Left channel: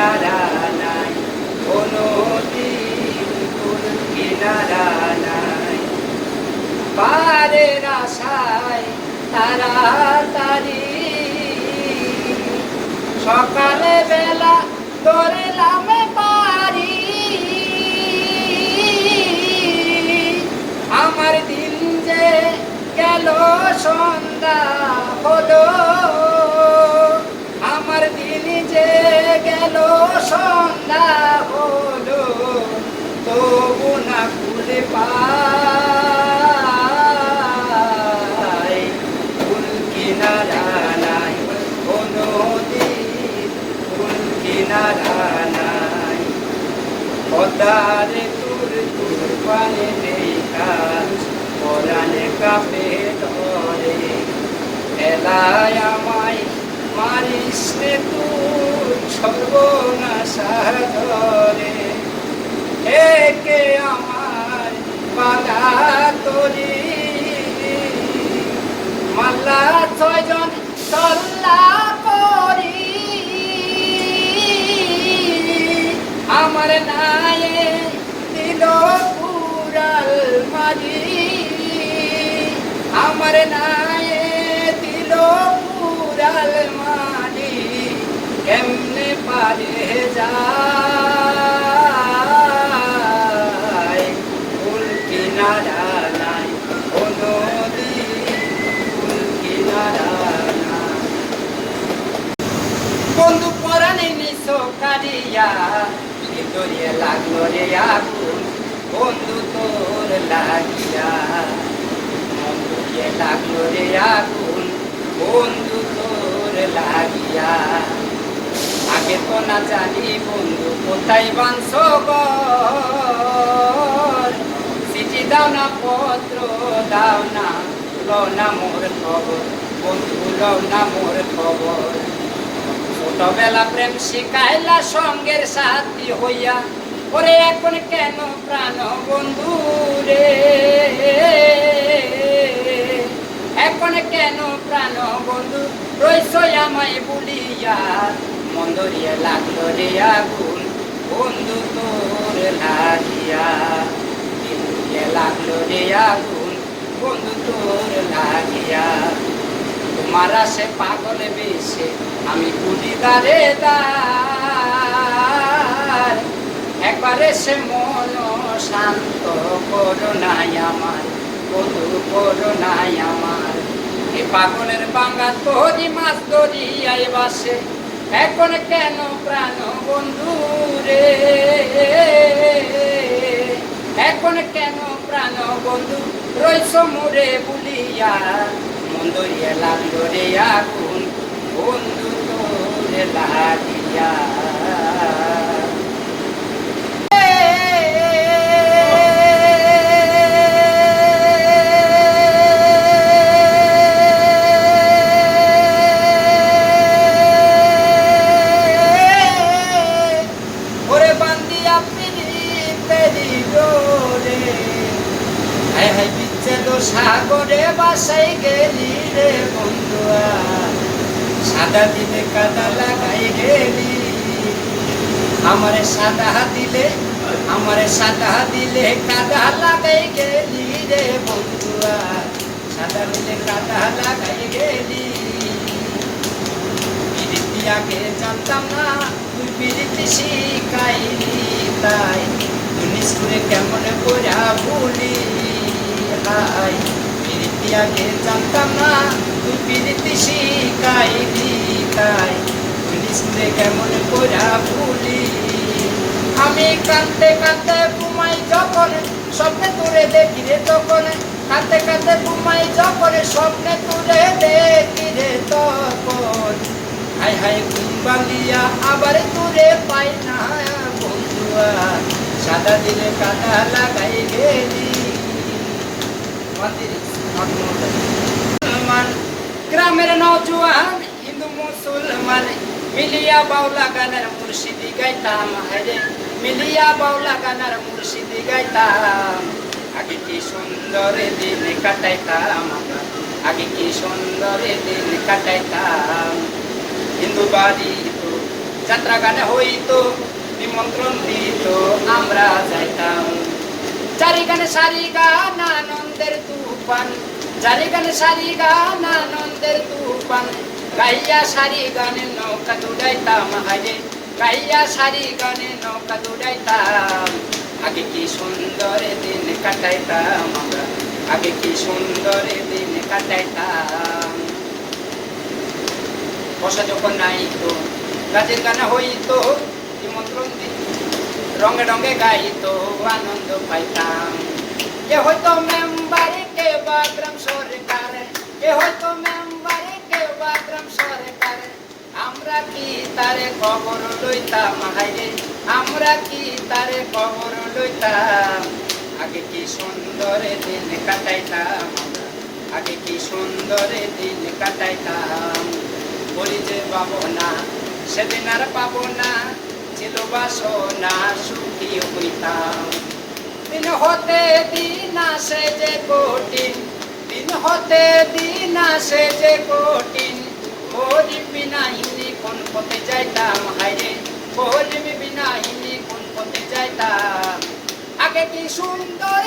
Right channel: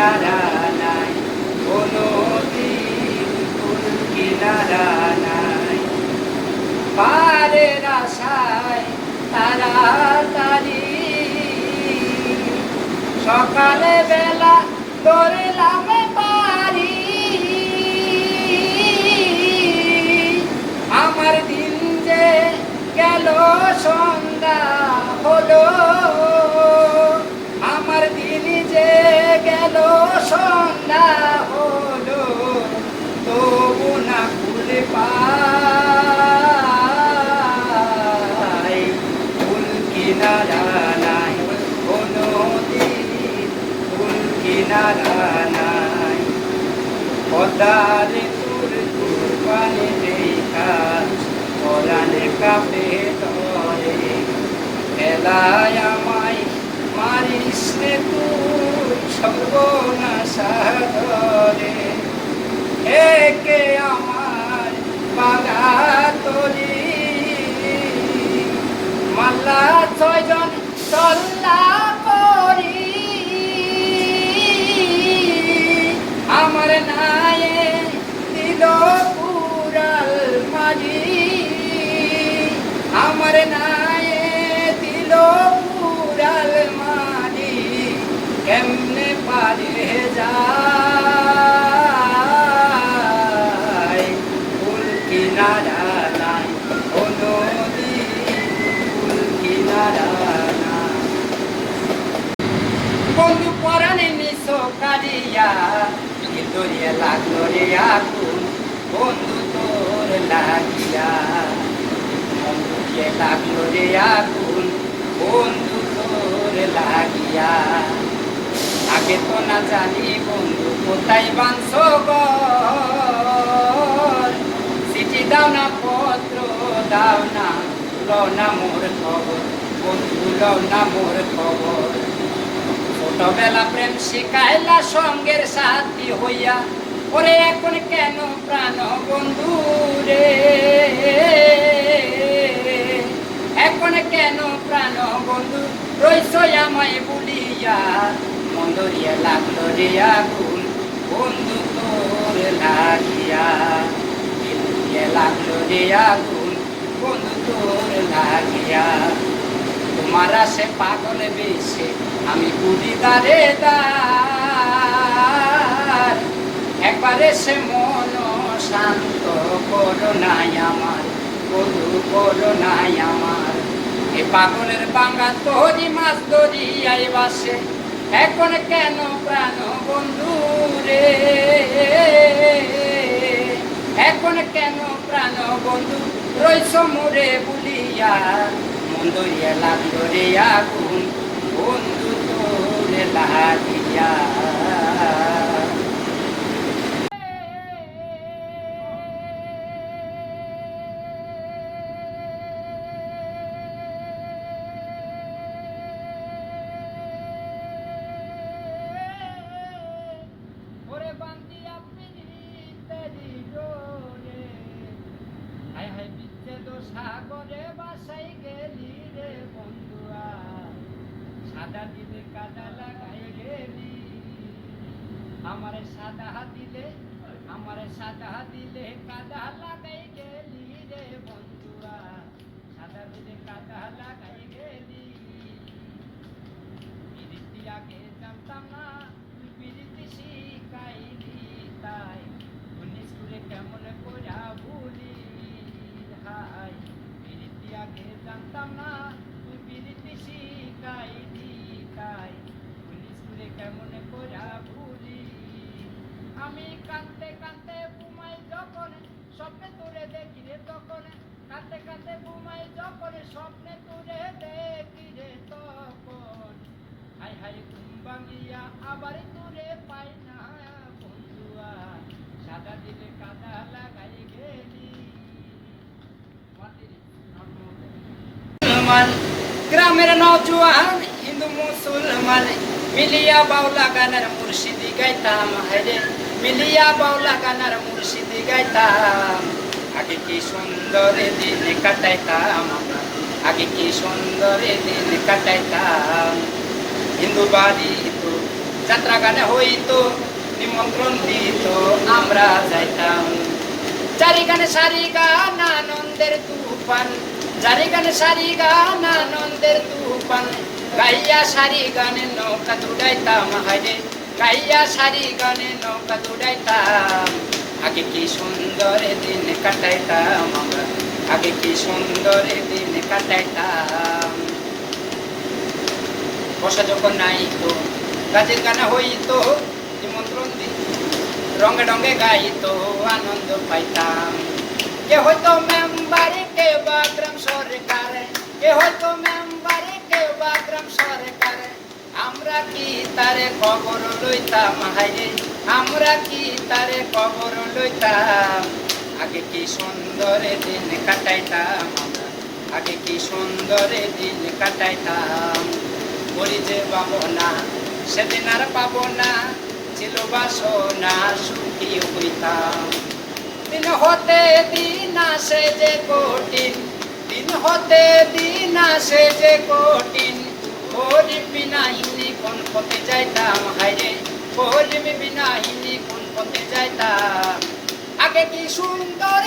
কিনারা নাই, ও নদীর কুল কিনারা নাই। পারের আশায় তাড়াতাড়ি সকালে বেলা ধরলাম পারি, আমার দিন যে গেল সন্ধ্যা হলো, আমার দিন যে গেল সন্ধ্যা হলো, তবু না খুলে পাই কুল কিনারা নাই, ও নদীর কুল কিনারা নাই। পদ্মারে তোর পানে দেখা পরাণে কাপে ধরে, এলায় আমায় মারিস রে তোর সর্বনাশা ধরে। একে আমার বাঙা তরি মাল্লা 6 জন তল্লা করি, আমার নায়ে দিল পুরাল মারি, আমার নায়ে দিল পুরাল মারি, কেমনে পারে যায় কুল কিনারা নাই, ও নদীর কুল কিনারা নাই। বন্ধু পরাণে নিছো কারিয়া, ভিতরে লাগলো রে আগুন, বন্ধু তোর লাগিয়া, বন্ধুকে লাগলো রে আগুন, বন্ধু তোর লাগিয়া। আগে তো না জানি বন্ধু কোথায় বাঁধছো ঘর, চিঠি দাও না পত্র দাও না, লো না মোর খবর বন্ধু, লো না মোর খবর। ছোটবেলা প্রেম শিখাইলা সঙ্গের সাথী হইয়া, ওরে এখন কেন প্রাণ বন্ধু রে, এখন কেন প্রাণ বন্ধু রইছ আমায় বলিয়া, মন্দরিয়া লাগলো রে আগুন, বন্ধু তোর লাগিয়া, লাগলো রে আগুন, বন্ধু তোর লাগিয়া। তোমার সে পাগল বেশে আমি বুঝি দারে দার, একবারে সে মন শান্ত করো নাই আমার বন্ধু, করো নাই আমার। এ পাগলের বাঙ্গা তোরি মাছ দরিয়ায় বাসে, এখন কেন প্রাণ বন্ধু রে, এখন কেন প্রাণ বন্ধু রইছ মোরে বলিয়া, মন্দরিয়া লাগলো রে আগুন, বন্ধু তোর লাগিয়া। ওরে বান্দিয়া পিরি পেরি রে, হায় হায় বিচ্ছেদ সাগরে বাসাই গেলি রে বন্ধুয়া, সাদা দিলে কাদা লাগাই গেলি, আমারে সাদা দিলে, আমারে সাদা দিলে কাদা লাগাই গেলি রে বন্ধুয়া, সাদা দিলে কাদা লাগাই গেলি। পিরিতি আগে জানতাম না তুই পিরিতি শিখাইলি, তাই তুই স্কুলে কেমন করে ভুলি, হাই পিরিতি আগে জানতাম না তুই পিরিতি শিখাইলি, তাই তুই স্কুলে কেমন করে ভুলি। আমি কাঁদতে কাঁদতে ঘুমাই যখন, স্বপ্নে তোরে দেখি রে তখন, কাঁদতে কাঁদতে ঘুমাই যখন, স্বপ্নে তোরে দেখি রে তখন, হাই হাই ঘুম ভাঙিয়া আবার তোরে পাই না বন্ধুয়া, সাদা দিলে কাদা লাগাই গেলি। মুসলমান গ্রামের নওজোয়ান হিন্দু মুসলমান মিলিয়া বাউলা গানের মুর্শিদি গাইতাম, রে মিলিয়া বাউলা গানের মুর্শিদি গাইতাম। আগে কি সুন্দর দিন কাটাইতাম আমরা, আগে কি সুন্দর দিন কাটাইতাম। হিন্দু বাড়ি তো যাত্রা গানে হইতো নিমন্ত্রণ দিত আমরা যাইতাম চারি গানে সারি গান আনন্দের তুফান চারি গানে সারি গান আনন্দের তুফান গাইয়া সারি গানে নৌকা দুড়াইতাম হাইরে গাইয়া সারি গানে নৌকা দুড়াইতাম আগে কি সুন্দর দিন কাটাইতাম আমরা আগে কি সুন্দর দিন কাটাইতাম বসা যখন নাইতো কাজের গানে হইতো নিমন্ত্রণ দিত রঙে রঙে গাইতো আনন্দ পাইতাম কে হয়তো মেম্বারে কে বা গ্রাম সরকার কে হয়তো মেম্বারে কে বা গ্রাম সরকার আমরা কি তারে খবর লইতাম হাইরে আমরা কি তারে খবর লইতাম আগে কি সুন্দর দিন কাটাইতাম আমরা আগে কি সুন্দর দিন কাটাইতাম বলি যে পাবো না সেদিন আর পাবো না ছিল বাসনা সুখী হইতাম দিন হতে দিন আসে যে কঠিন দিন হতে দিন আসে যে কঠিন গরিব বিনাহিনী কোন পথে যাইতাম হাইরে গরিব বিনাহিনী কোন পথে যাইতাম আগে কি সুন্দর